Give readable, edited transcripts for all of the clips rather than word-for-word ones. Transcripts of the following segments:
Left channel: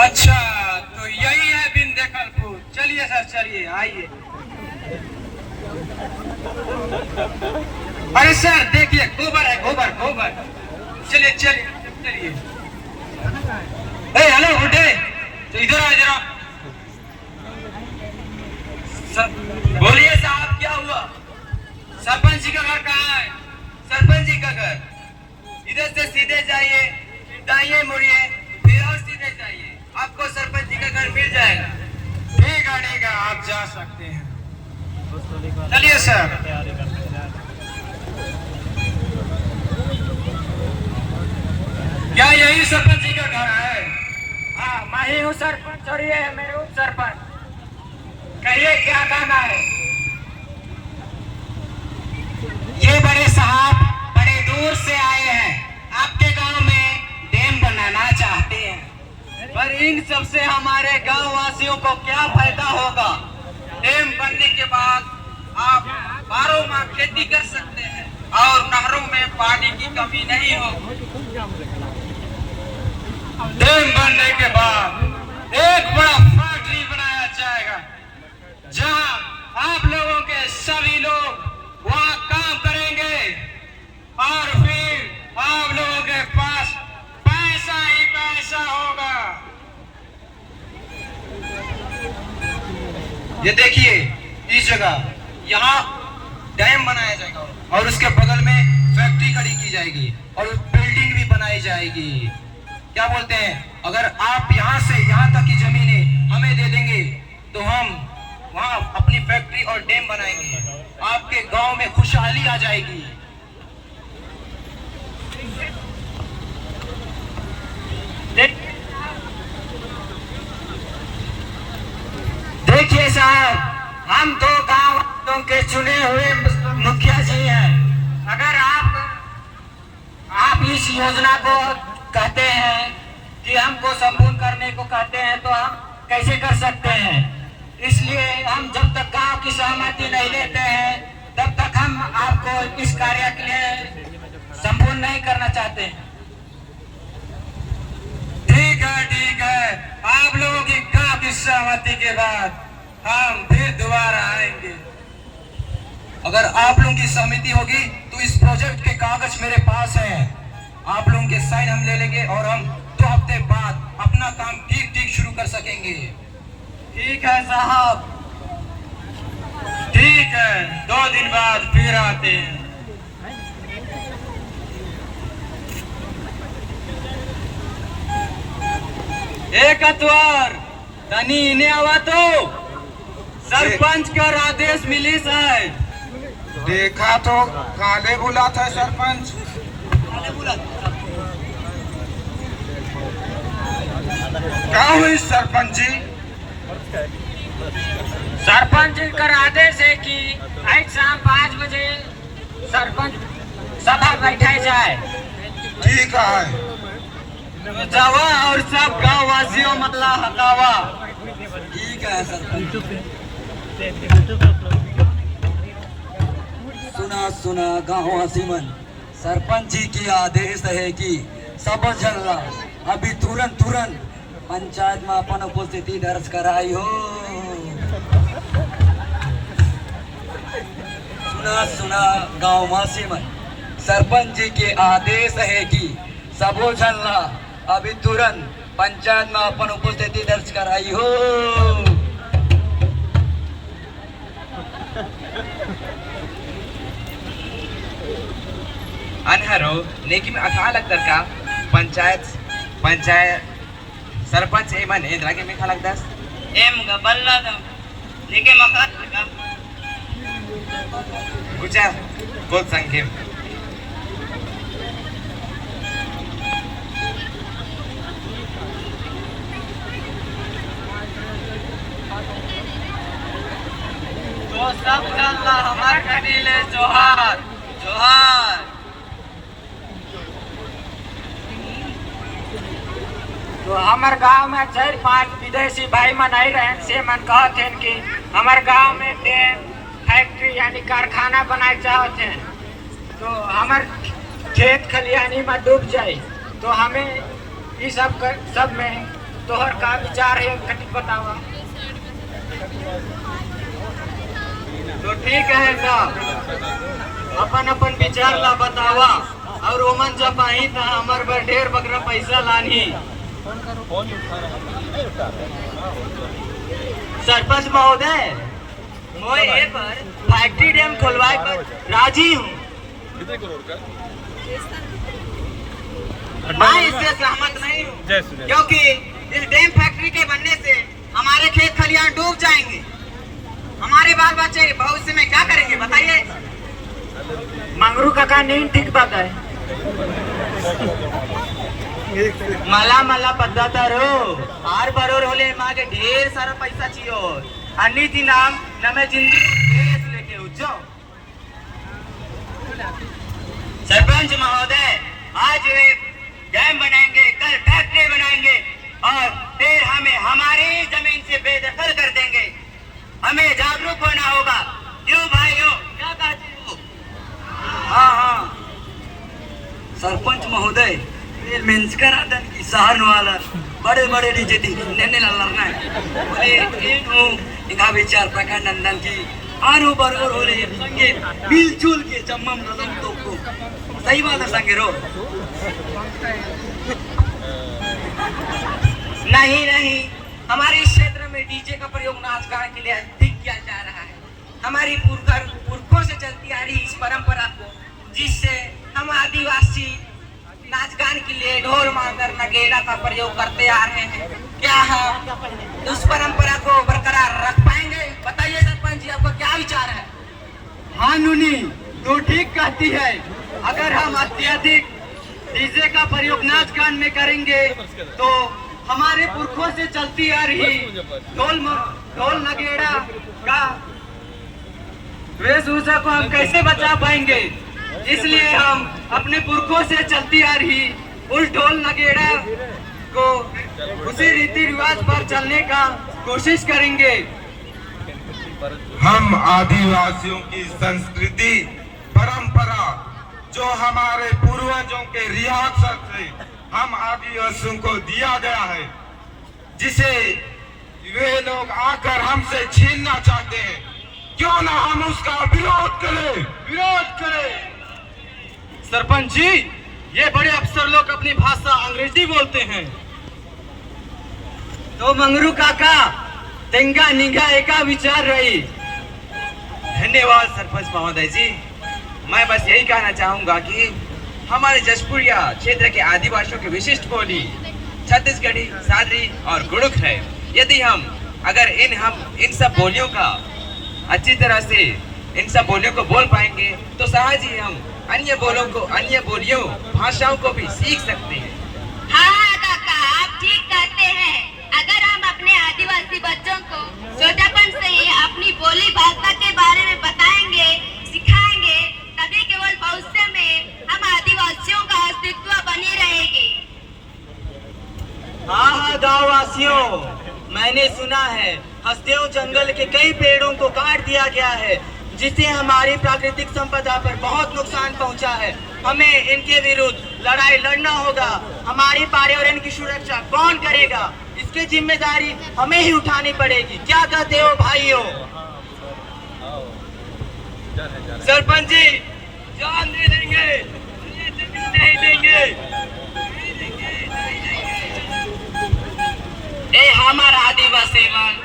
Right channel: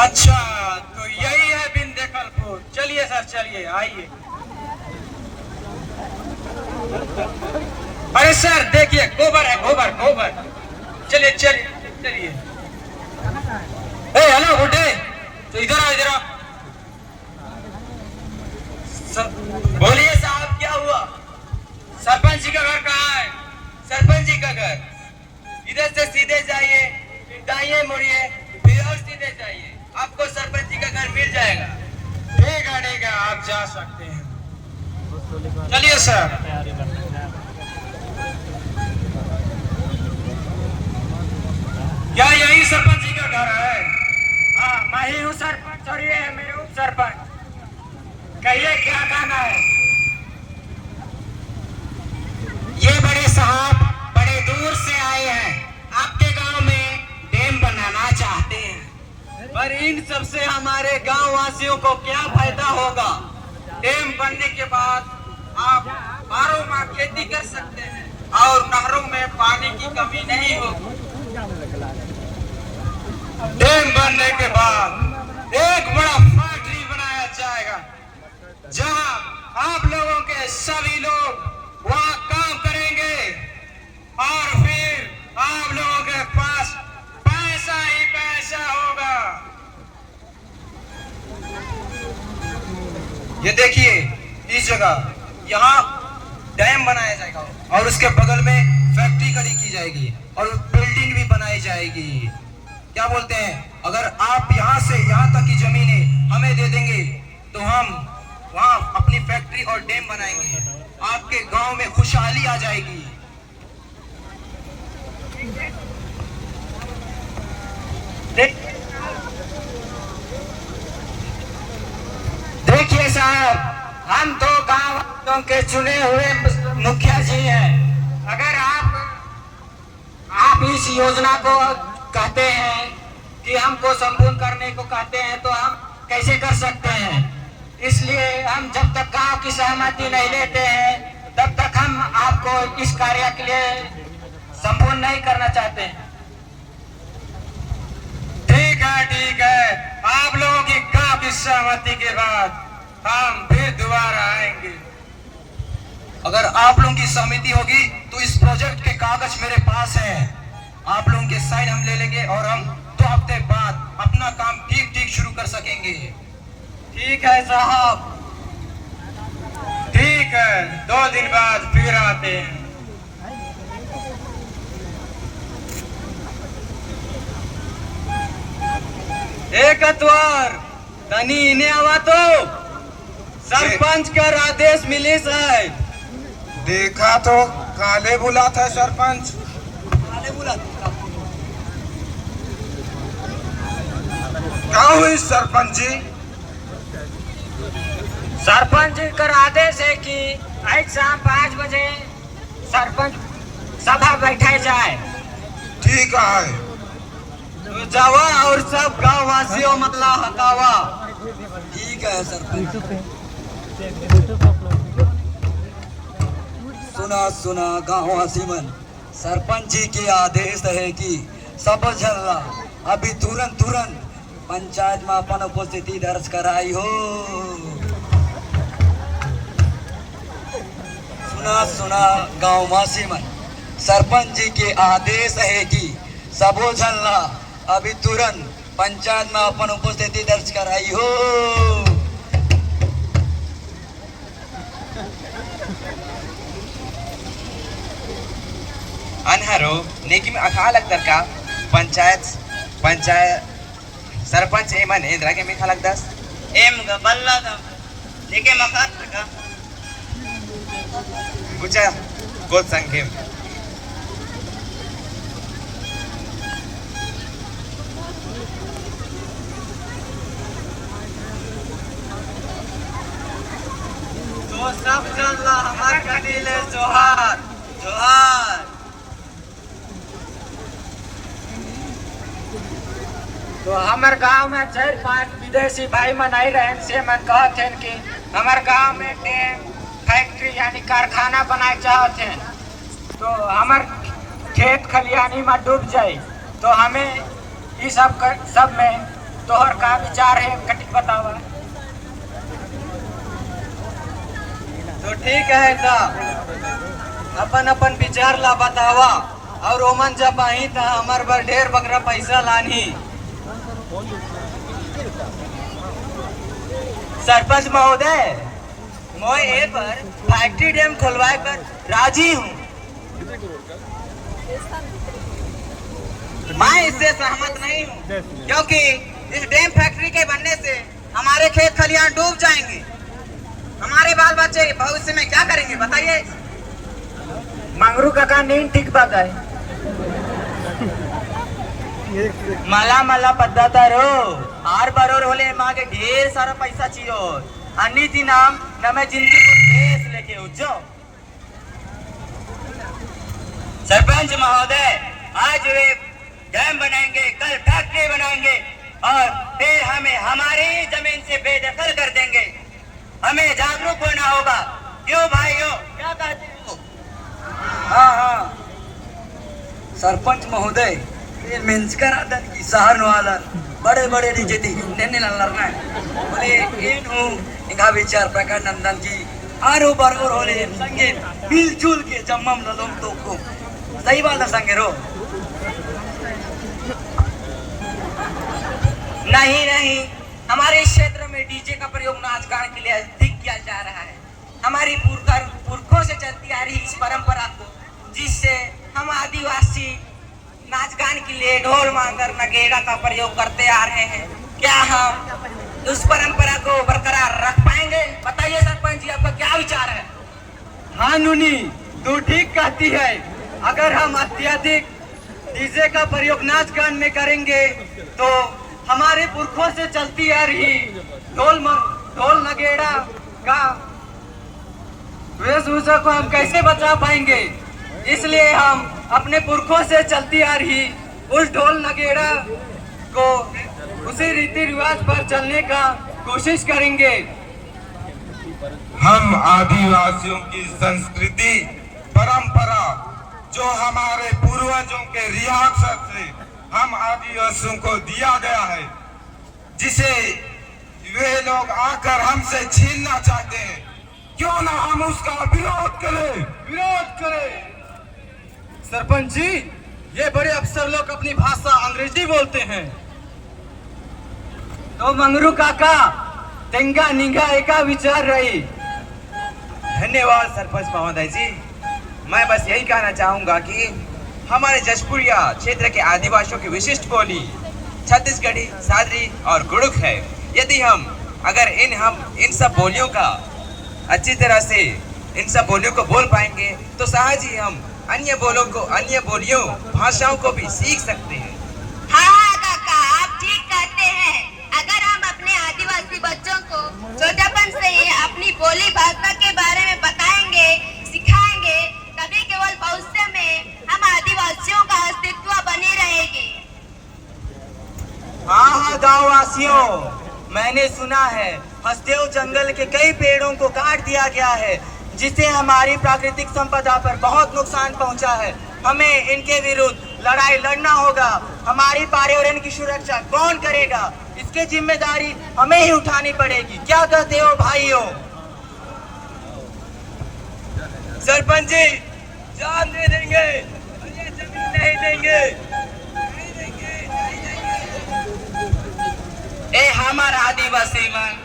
अच्छा, तो यही है बिंदेकलपुर। चलिए सर, चलिए आइए। अरे सर देखिए, गोबर है, गोबर गोबर। चलिए चलिए चलिए। हेलो उठे, तो इधर आओ, इधर आओ। बोलिए साहब, क्या हुआ? सरपंच जी का घर कहाँ है? सरपंच जी का घर इधर से सीधे जाइए, फिर दाहिने मुड़िए, फिर और सीधे जाइए, आपको सरपंच जी का घर मिल जाएगा। ठीक है, आप जा सकते हैं। चलिए सर। क्या यही सरपंच जी का घर है? हाँ, मैं ही हूँ सरपंच और ये है मेरे उप सरपंच। कहिए क्या कहना है? ये बड़े साहब बड़े दूर से आए हैं, आपके गांव में डैम बनाना चाहते हैं। पर इन सब से हमारे गांव वासियों को क्या फायदा होगा? डैम बनने के बाद आप 12 माह खेती कर सकते हैं और नहरों में पानी की कमी नहीं होगी। डैम बनने के बाद एक बड़ा फैक्ट्री बनाया जाएगा, जहां आप लोगों के सभी लोग वहां काम करेंगे और फिर आप लोगों के पास पैसा ही पैसा होगा। ये देखिए, इस जगह यहाँ डैम बनाया जाएगा और उसके बगल में फैक्ट्री खड़ी की जाएगी और बिल्डिंग भी बनाई जाएगी। क्या बोलते हैं? अगर आप यहाँ से यहाँ तक की जमीनें हमें दे देंगे तो हम वहाँ अपनी फैक्ट्री और डैम बनाएंगे, आपके गांव में खुशहाली आ जाएगी। देखिए साहब, हम दो गांव के चुने हुए मुखिया जी हैं। अगर आप इस योजना को कहते हैं कि हमको संपूर्ण करने को कहते हैं, तो हम कैसे कर सकते हैं? इसलिए हम जब तक गांव की सहमति नहीं लेते हैं, तब तक हम आपको इस कार्य के लिए संपूर्ण नहीं करना चाहते हैं। ठीक है, आप लोगों की गांव की सहमति के बाद हम फिर दोबारा आएंगे। अगर आप लोगों की सहमति होगी तो इस प्रोजेक्ट के कागज मेरे पास हैं, आप लोगों के साइन हम ले लेंगे और हम 2 हफ्ते बाद अपना काम ठीक शुरू कर सकेंगे। ठीक है साहब, ठीक है, 2 दिन बाद फिर आते हैं। एक अतवार तनी इन्हें आवा तो सरपंच का आदेश मिलिस है। देखा तो काले बुला था सरपंच। काले बुला क्या हुई सरपंच जी? सरपंच जी का आदेश है कि आज शाम 5 बजे सरपंच सभा बैठाई जाए। ठीक है, तो जावा और सब गांव वासियों मतलब हटावा। ठीक है सरपंच। सुना गाँववासी मन, सरपंच जी की आदेश है कि सब जन अभी तुरंत पंचायत में अपन उपस्थिति दर्ज कराई हो। सुना गाँववासी मन, सरपंच जी के आदेश है कि सबो जन अभी तुरंत पंचायत में अपन उपस्थिति दर्ज कराई हो। अनहरो नेकी में अखा लगदर का पंचायत सरपंच एमन इंद्रा के में खा लगदस एम ग बल्ला दा लेके मकान का गुचा गोद संगे तो सब चल रहा हमारे कटीले जोहार जोहार। तो हमारे गांव में 4-5 विदेशी भाई मन आई रहे से मन कहते हैं कि हमारे गांव में डैम फैक्ट्री यानी कारखाना बनाए चाहते हैं, तो हमारे खेत खलियानी में डूब जाए, तो हमें इस सब में तोहर का विचार है कटिक बतावा। तो ठीक है साहब, अपन अपन विचार ला बतावा और ओमन जब आई था हमार बर ढेर बकरा पैसा लानी। सरपंच महोदय, मैं ये पर फैक्ट्री डैम खुलवाए पर राजी हूँ। मैं इससे सहमत नहीं हूँ, क्योंकि इस डैम फैक्ट्री के बनने से हमारे खेत खलियान डूब जाएंगे। हमारे बाल बच्चे भविष्य में क्या करेंगे बताइए। मंगरू काका नींद ठीक बात है। मला मला पद्धतारो आर बरोर होले मागे ढेर सारा पैसा चाहिए अन्य थी नाम न मैं जिंदगी को देश लेके उज्जो। सरपंच महोदय, आज वे डैम बनाएंगे, कल फैक्ट्री बनाएंगे और फिर हमें हमारी जमीन से बेदखल कर देंगे। हमें जागरूक होना होगा। क्यों भाइयों, क्या कहते हो? हाँ हाँ सरपंच महोदय, ये मेंसकर आदन की सहारन वाला बड़े बड़े डीजे थी नेने लड़ना है बोले इन हूँ इनका विचार प्रकार नंदन की आरो बरोर होले संगे मिलजुल के जम्मम लदम तो को सही बात है संगे रो। नहीं नहीं, हमारे क्षेत्र में डीजे का प्रयोग नाच गान के लिए अधिक किया जा रहा है। हमारी पुरखों से चलती आ रही इस परंपरा को, जिससे हम आदिवासी नाच गान के लिए ढोल मांगर नगेड़ा का प्रयोग करते आ रहे हैं, क्या हम उस परंपरा को बरकरार रख पाएंगे? बताइए सरपंच जी, आपका क्या विचार है? हाँ नुनी, तू ठीक कहती है। अगर हम अत्यधिक डीजे का प्रयोग नाच गान में करेंगे तो हमारे पुरखों से चलती आ रही ढोल नगेड़ा का वेशभूषा को हम कैसे बचा पाएंगे। इसलिए हम अपने पुरखों से चलती आ रही उस ढोल नगेड़ा को उसी रीति रिवाज पर चलने का कोशिश करेंगे। हम आदिवासियों की संस्कृति परंपरा जो हमारे पूर्वजों के रियासत से हम आदिवासियों को दिया गया है, जिसे वे लोग आकर हमसे छीनना चाहते हैं, क्यों ना हम उसका विरोध करें। सरपंच जी, ये बड़े अफसर लोग अपनी भाषा अंग्रेजी बोलते हैं। तो मंगरू काका तेंगा निंगा एका विचार रही। धन्यवाद सरपंच महोदय जी। मैं बस यही कहना चाहूंगा कि हमारे जशपुरिया क्षेत्र के आदिवासियों की विशिष्ट बोली छत्तीसगढ़ी, सादरी और गुड़ुक है। यदि हम अगर इन सब बोलियों का अच्छी तरह से इन सब बोलियों को बोल पाएंगे तो सहज ही हम अन्य बोलियों भाषाओं को भी सीख सकते हैं। हाँ काका, आप ठीक कहते हैं। अगर हम अपने आदिवासी बच्चों को छोटेपन से ही अपनी बोली भाषा के बारे में बताएंगे, सिखाएंगे, तभी केवल भविष्य में हम आदिवासियों का अस्तित्व बनी रहेगी। हाँ गाँव वासियों, मैंने सुना है हसदेव जंगल के कई पेड़ों को काट दिया गया है, जिससे हमारी प्राकृतिक संपदा पर बहुत नुकसान पहुंचा है। हमें इनके विरुद्ध लड़ाई लड़ना होगा। हमारी पर्यावरण की सुरक्षा कौन करेगा? इसकी जिम्मेदारी हमें ही उठानी पड़ेगी। क्या कहते हो भाइयों? सरपंच जी, जान दे देंगे, ये जमीन नहीं देंगे। ए हमारा आदिवासी मन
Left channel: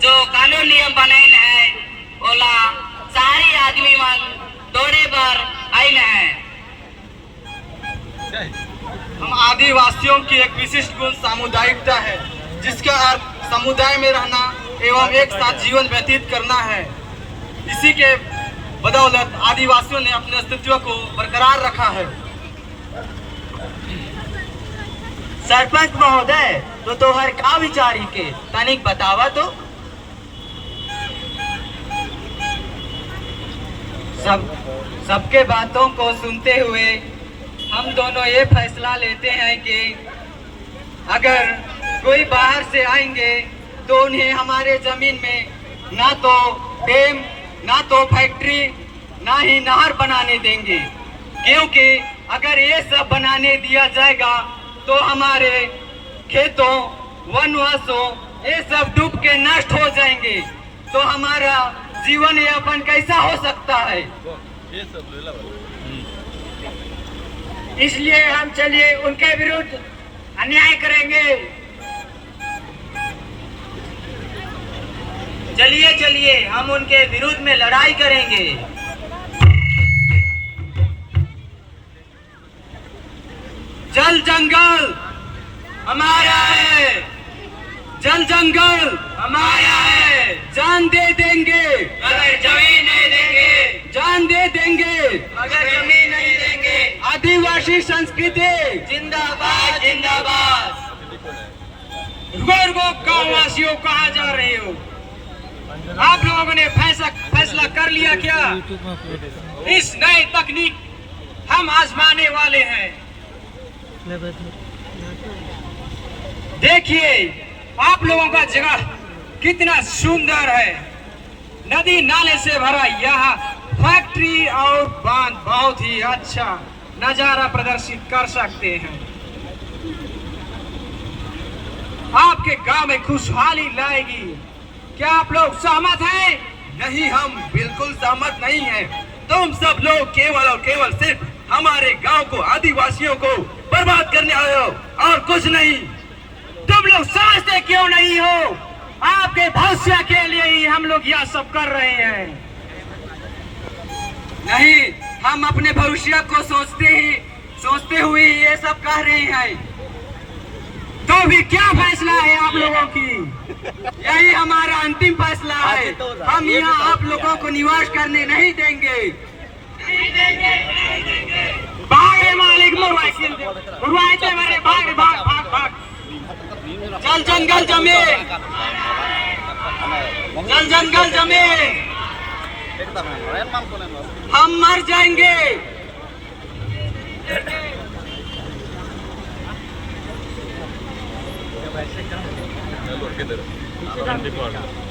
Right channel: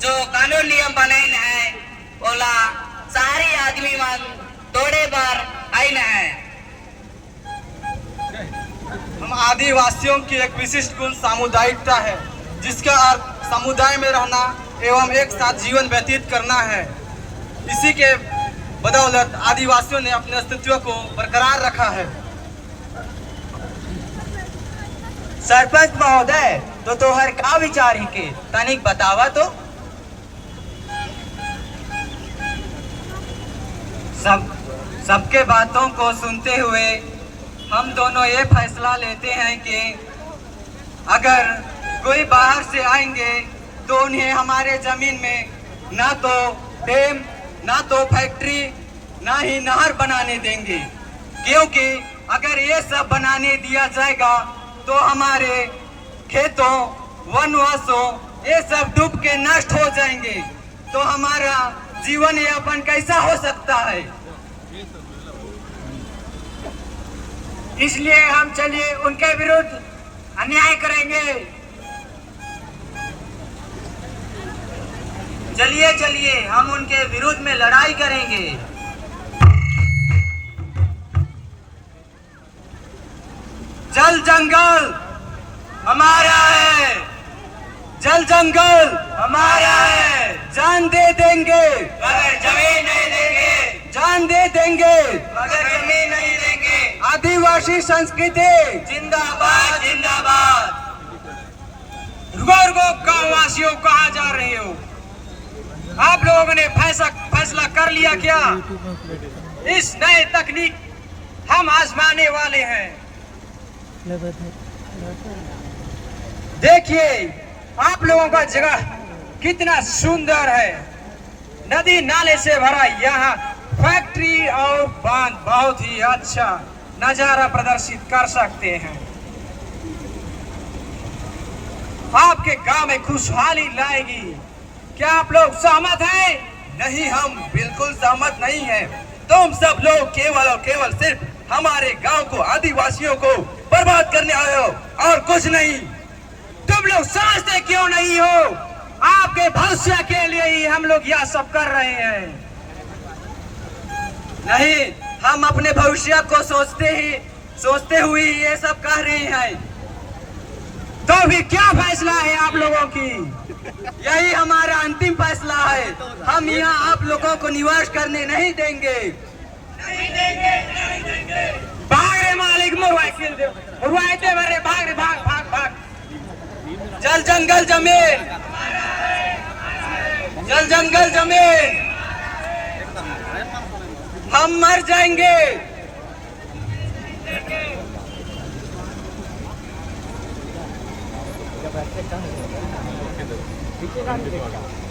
जो कानून नियम बनाए है, ओला सारे आदमी मन तोड़े पर आईन है। हम आदिवासियों की एक विशिष्ट गुण सामुदायिकता है, जिसका अर्थ समुदाय में रहना एवं एक साथ जीवन व्यतीत करना है। इसी के बदौलत आदिवासियों ने अपने अस्तित्व को बरकरार रखा है। सरपंच महोदय, तो तोहर का विचार ही के तनिक बतावा तो। सबके बातों को सुनते हुए हम दोनों ये फैसला लेते हैं कि अगर कोई बाहर से आएंगे तो उन्हें हमारे जमीन में ना तो डैम, ना तो फैक्ट्री, ना ही नहर बनाने देंगे। क्योंकि अगर ये सब बनाने दिया जाएगा तो हमारे खेतों वनवासों ये सब डूब के नष्ट हो जाएंगे, तो हमारा जीवन यापन कैसा हो सकता है? इसलिए हम चलिए उनके विरुद्ध अन्याय करेंगे। चलिए चलिए हम उनके विरुद्ध में लड़ाई करेंगे। जल जंगल हमारा है, जल जंगल हमारा है, जान दे देंगे अगर जमीन नहीं देंगे, जान दे देंगे अगर जमीन नहीं देंगे। आदिवासी संस्कृति जिंदाबाद जिंदाबाद। रुको रुको, गाँव वासियों कहाँ जा रहे हो? आप लोगों ने फैसला कर लिया क्या? इस नए तकनीक हम आजमाने वाले हैं। देखिए आप लोगों का जगह कितना सुंदर है, नदी नाले से भरा। यहाँ फैक्ट्री और बांध बहुत ही अच्छा नजारा प्रदर्शित कर सकते हैं। आपके गांव में खुशहाली लाएगी। क्या आप लोग सहमत हैं? नहीं, हम बिल्कुल सहमत नहीं हैं। तुम सब लोग केवल और केवल सिर्फ हमारे गांव को, आदिवासियों को बर्बाद करने आए हो और कुछ नहीं। तुम लोग समझते क्यों नहीं हो? आपके भविष्य के लिए ही हम लोग यह सब कर रहे हैं। नहीं, हम अपने भविष्य को सोचते हुए ये सब कह रहे हैं। तो भी क्या फैसला है आप लोगों की? यही हमारा अंतिम फैसला है। हम यहाँ आप लोगों को निवास करने नहीं देंगे। भाग रे मालिक, मरवाते मेरे, भाग रे, भाग भाग भाग। जल जंगल जमीन, जल जंगल जमीन, हम मर जाएंगे। Thank you.